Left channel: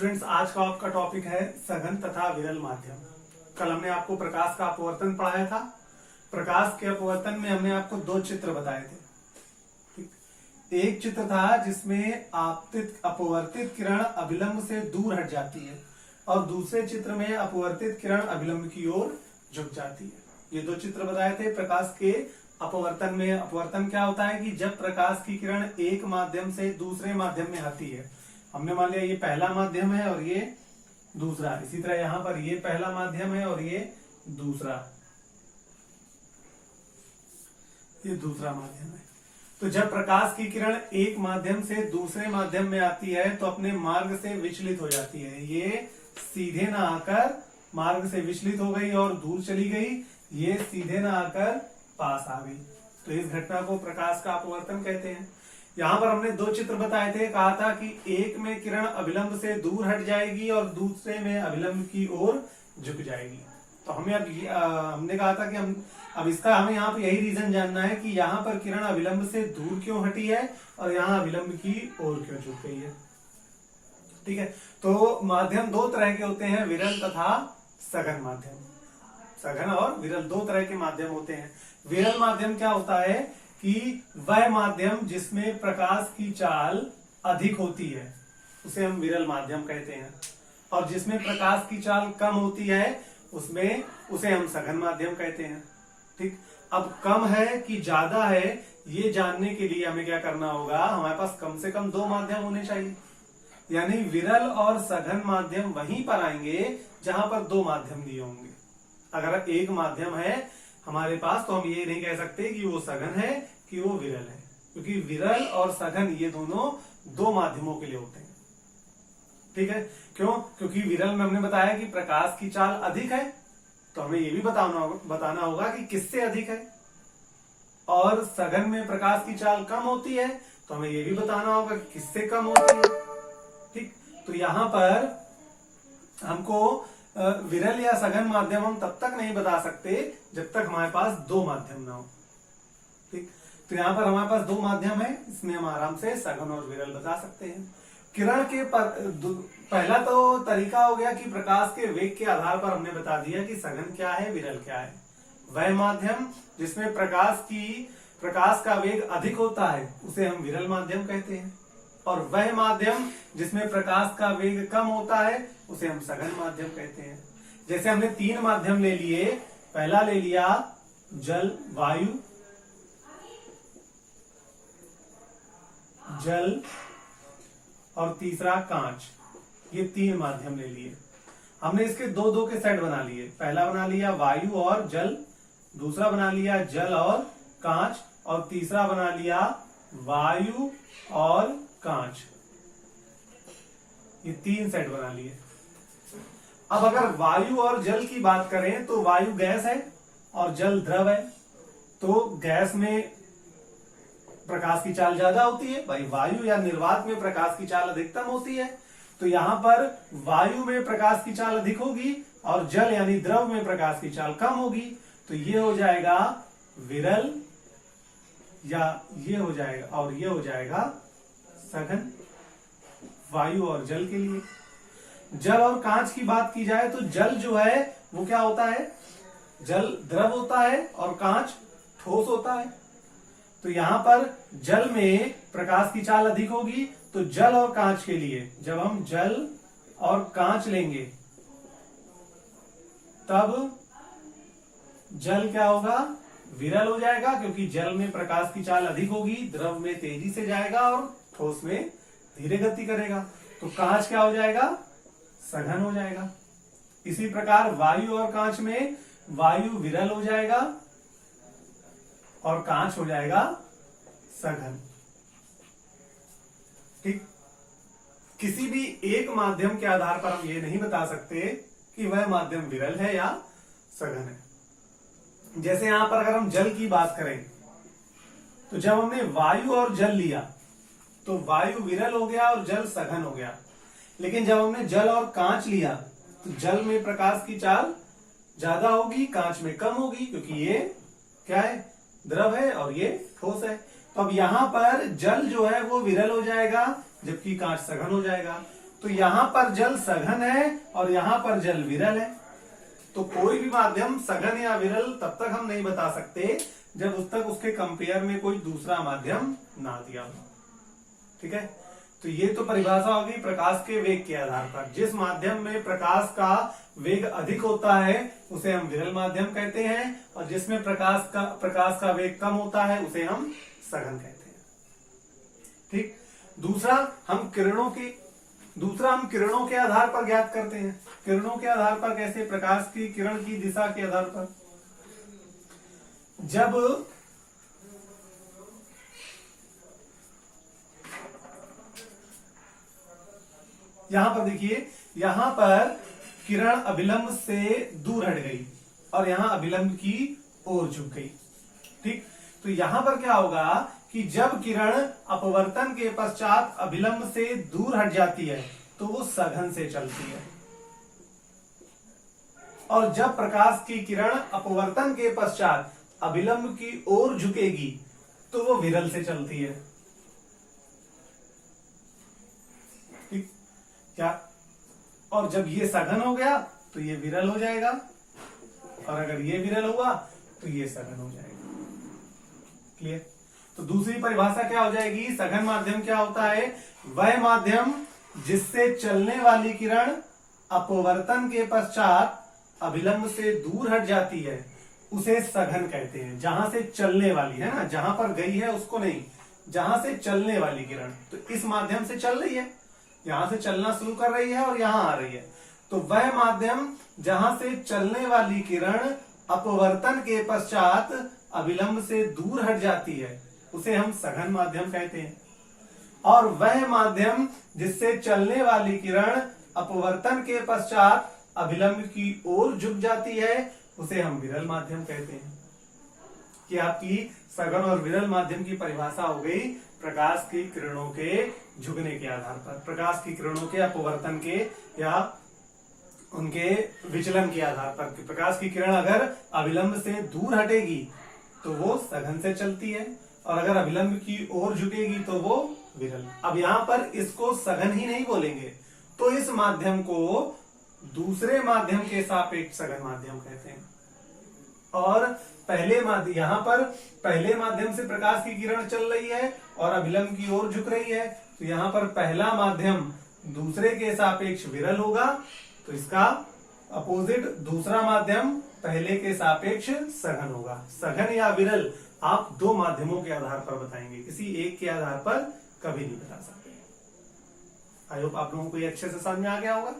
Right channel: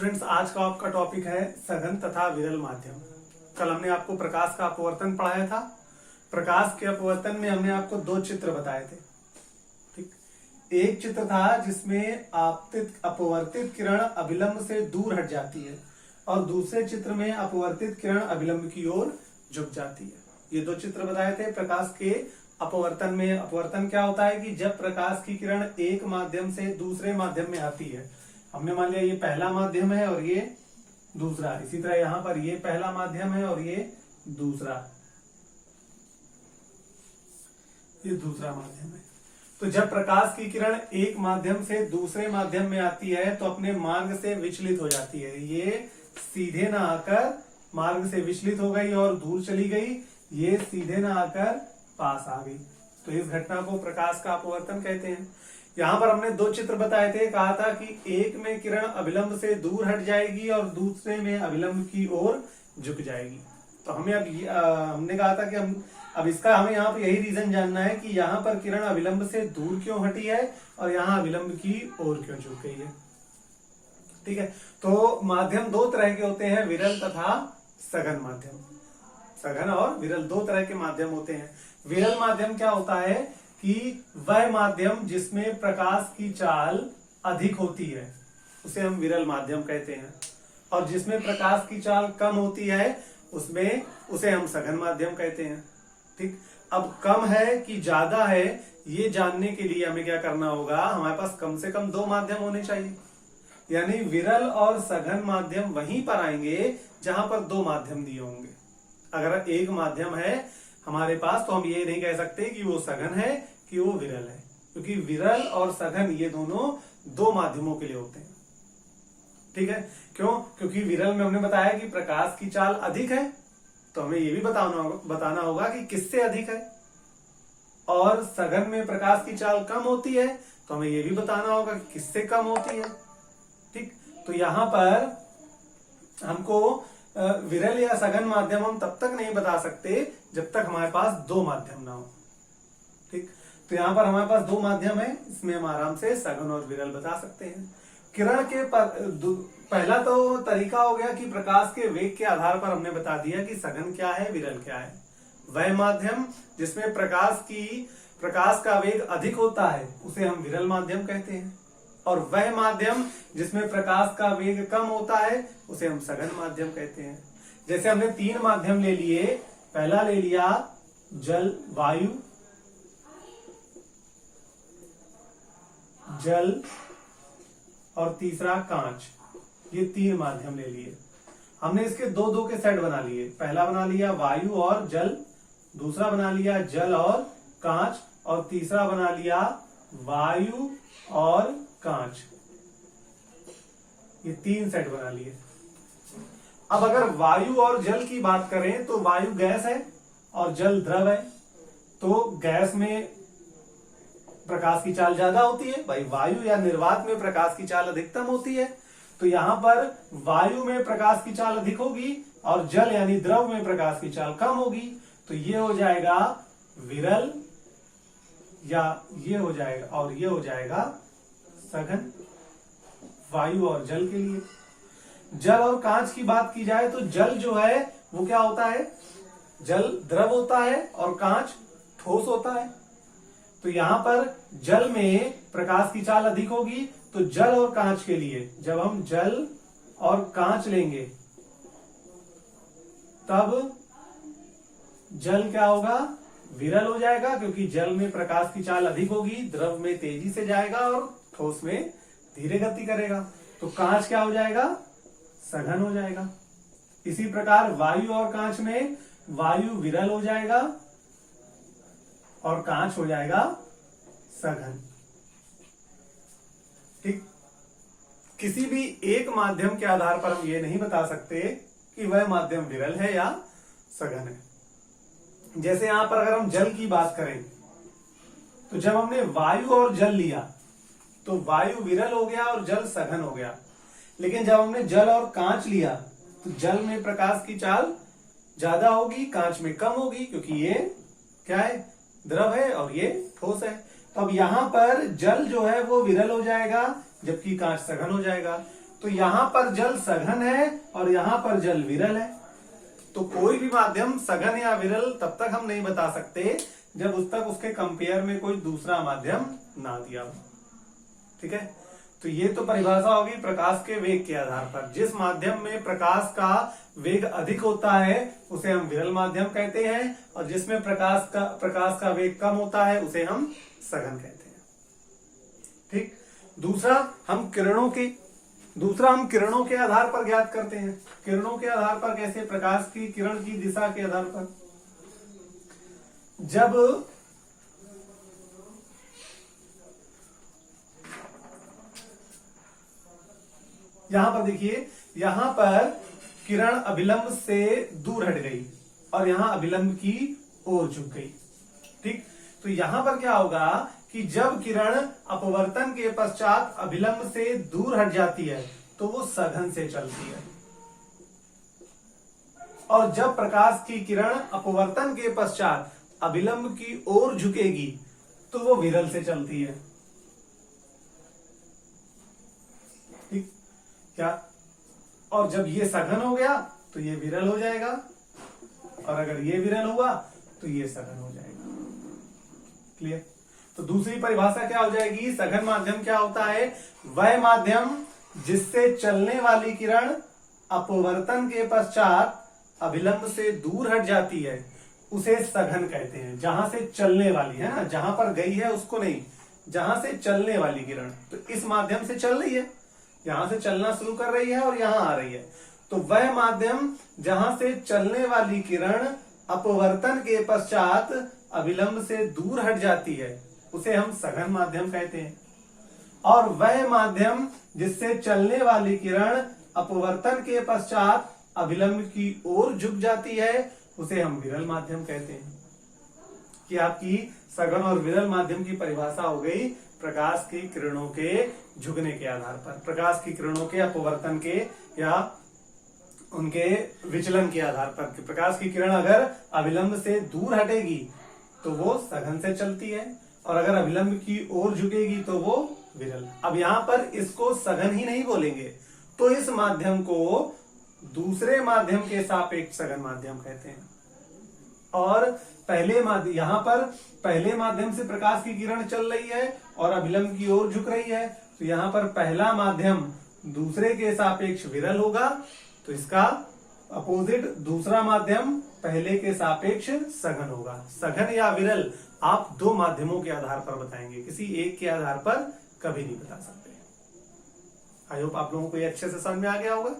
Students, आज का आपका टॉपिक है सघन तथा विरल माध्यम। कल हमने आपको प्रकाश का अपवर्तन पढ़ाया था। प्रकाश के अपवर्तन में हमने आपको दो चित्र बताए थे। ठीक, एक चित्र था जिसमें आपतित अपवर्तित किरण अभिलंब से दूर हट जाती है और दूसरे चित्र में अपवर्तित किरण अभिलंब की ओर झुक जाती है। ये दो चित्र बताए थे प्रकाश के अपवर्तन में। अपवर्तन क्या होता है कि जब प्रकाश की किरण एक माध्यम से दूसरे माध्यम में आती है, हमने मान लिया ये पहला माध्यम है और ये दूसरा, इसी तरह यहां पर ये पहला माध्यम है और ये दूसरा माध्यम है। तो जब प्रकाश की किरण एक माध्यम से दूसरे माध्यम में आती है तो अपने मार्ग से विचलित हो जाती है। ये सीधे ना आकर मार्ग से विचलित हो गई और दूर चली गई, ये सीधे ना आकर पास आ गई। तो इस घटना को प्रकाश का अपवर्तन कहते हैं। यहां पर हमने दो चित्र बताए थे। कहा था कि एक में किरण अभिलंब से दूर हट जाएगी और दूसरे में अभिलंब की ओर झुक जाएगी। तो हमें हमने कहा था कि अब इसका हमें यहाँ पर यही रीजन जानना है कि यहाँ पर किरण अभिलंब से दूर क्यों हटी है और यहाँ अभिलंब की ओर क्यों झुक गई है। ठीक है, तो माध्यम दो तरह के होते हैं, विरल तथा सघन माध्यम। सघन और विरल दो तरह के माध्यम होते हैं। विरल माध्यम क्या होता है कि वह माध्यम जिसमें प्रकाश की चाल अधिक होती है उसे हम विरल माध्यम कहते हैं, और जिसमें प्रकाश की चाल कम होती है उसे हम सघन माध्यम कहते हैं। ठीक, अब कम है कि ज्यादा है ये जानने के लिए हमें क्या करना होगा, हमारे पास कम से कम दो माध्यम होने चाहिए। यानी विरल और सघन माध्यम वहीं पर आएंगे जहां पर दो माध्यम दिए होंगे। अगर एक माध्यम है हमारे पास तो हम ये नहीं कह सकते कि वो सघन है कि वो विरल है, क्योंकि विरल और सघन ये दोनों दो माध्यमों के लिए होते हैं। ठीक है, क्यों? क्योंकि विरल में हमने बताया कि प्रकाश की चाल अधिक है, तो हमें ये भी बताना होगा कि किससे अधिक है, और सघन में प्रकाश की चाल कम होती है तो हमें ये भी बताना होगा कि किससे कम होती है। ठीक, तो यहां पर हमको विरल या सघन माध्यम हम तब तक नहीं बता सकते जब तक हमारे पास दो माध्यम ना हो। ठीक, तो यहां पर हमारे पास दो माध्यम है, इसमें हम आराम से सघन और विरल बता सकते हैं। किरण के पहला तो तरीका हो गया कि प्रकाश के वेग के आधार पर हमने बता दिया कि सघन क्या है, विरल क्या है। वह माध्यम जिसमें प्रकाश का वेग अधिक होता है उसे हम विरल माध्यम कहते हैं, और वह माध्यम जिसमें प्रकाश का वेग कम होता है उसे हम सघन माध्यम कहते हैं। जैसे हमने तीन माध्यम ले लिए, पहला ले लिया वायु, जल और तीसरा कांच, ये तीन माध्यम ले लिए। हमने इसके दो दो के सेट बना लिए। पहला बना लिया वायु और जल, दूसरा बना लिया जल और कांच, और तीसरा बना लिया वायु और कांच। ये तीन सेट बना लिए। अब अगर वायु और जल की बात करें तो वायु गैस है और जल द्रव है, तो गैस में प्रकाश की चाल ज्यादा होती है। भाई वायु या निर्वात में प्रकाश की चाल अधिकतम होती है, तो यहां पर वायु में प्रकाश की चाल अधिक होगी और जल यानी द्रव में प्रकाश की चाल कम होगी। तो ये हो जाएगा विरल, या ये हो जाएगा, और ये हो जाएगा सघन वायु और जल के लिए। जल और कांच की बात की जाए तो जल जो है वो क्या होता है, जल द्रव होता है और कांच ठोस होता है। तो यहां पर जल में प्रकाश की चाल अधिक होगी, तो जल और कांच के लिए जब हम जल और कांच लेंगे तब जल क्या होगा, विरल हो जाएगा, क्योंकि जल में प्रकाश की चाल अधिक होगी, द्रव में तेजी से जाएगा और ठोस में धीरे गति करेगा। तो कांच क्या हो जाएगा, सघन हो जाएगा। इसी प्रकार वायु और कांच में वायु विरल हो जाएगा और कांच हो जाएगा सघन। ठीक, किसी भी एक माध्यम के आधार पर हम ये नहीं बता सकते कि वह माध्यम विरल है या सघन है। जैसे यहां पर अगर हम जल की बात करें तो जब हमने वायु और जल लिया तो वायु विरल हो गया और जल सघन हो गया। लेकिन जब हमने जल और कांच लिया तो जल में प्रकाश की चाल ज्यादा होगी, कांच में कम होगी, क्योंकि ये क्या है, द्रव है और ये ठोस है। तो अब यहां पर जल जो है वो विरल हो जाएगा जबकि कांच सघन हो जाएगा। तो यहां पर जल सघन है और यहां पर जल विरल है। तो कोई भी माध्यम सघन या विरल तब तक हम नहीं बता सकते जब उस तक उसके कंपेयर में कोई दूसरा माध्यम ना दिया हो। ठीक है, तो ये तो परिभाषा होगी प्रकाश के वेग के आधार पर। जिस माध्यम में प्रकाश का वेग अधिक होता है उसे हम विरल माध्यम कहते हैं, और जिसमें प्रकाश का वेग कम होता है उसे हम सघन कहते हैं। ठीक, दूसरा हम किरणों के आधार पर ज्ञात करते हैं। किरणों के आधार पर कैसे? प्रकाश की किरण की दिशा के आधार पर। जब यहां पर देखिए, यहां पर किरण अभिलंब से दूर हट गई और यहां अभिलंब की ओर झुक गई। ठीक, तो यहां पर क्या होगा कि जब किरण अपवर्तन के पश्चात अभिलंब से दूर हट जाती है तो वो सघन से चलती है, और जब प्रकाश की किरण अपवर्तन के पश्चात अभिलंब की ओर झुकेगी तो वो विरल से चलती है। ठीक, क्या? और जब ये सघन हो गया तो ये विरल हो जाएगा, और अगर ये विरल हुआ तो ये सघन हो जाएगा। क्लियर? तो दूसरी परिभाषा क्या हो जाएगी? सघन माध्यम क्या होता है? वह माध्यम जिससे चलने वाली किरण अपवर्तन के पश्चात अभिलंब से दूर हट जाती है उसे सघन कहते हैं। जहां से चलने वाली है ना, जहां पर गई है उसको नहीं, जहां से चलने वाली किरण, तो इस माध्यम से चल रही है, यहां से चलना शुरू कर रही है और यहां आ रही है, तो वह माध्यम जहां से चलने वाली किरण अपवर्तन के पश्चात अभिलंब से दूर हट जाती है उसे हम सघन माध्यम कहते हैं। और वह माध्यम जिससे चलने वाली किरण अपवर्तन के पश्चात अभिलंब की ओर झुक जाती है उसे हम विरल माध्यम कहते हैं। कि आपकी सघन और विरल माध्यम की परिभाषा हो गई प्रकाश की किरणों के झुकने के आधार पर, प्रकाश की किरणों के अपवर्तन के या उनके विचलन के आधार पर। प्रकाश की किरण अगर अभिलंब से दूर हटेगी तो वो सघन से चलती है, और अगर अभिलंब की ओर झुकेगी तो वो विरल। अब यहां पर इसको सघन ही नहीं बोलेंगे, तो इस माध्यम को दूसरे माध्यम के सापेक्ष सघन माध्यम कहते हैं। और यहां पर पहले माध्यम से प्रकाश की किरण चल रही है और अभिलंब की ओर झुक रही है, तो यहां पर पहला माध्यम दूसरे के सापेक्ष विरल होगा, तो इसका अपोजिट दूसरा माध्यम पहले के सापेक्ष सघन होगा। सघन या विरल आप दो माध्यमों के आधार पर बताएंगे, किसी एक के आधार पर कभी नहीं बता सकते। आई होप आप लोगों को ये अच्छे से समझ में आ गया होगा।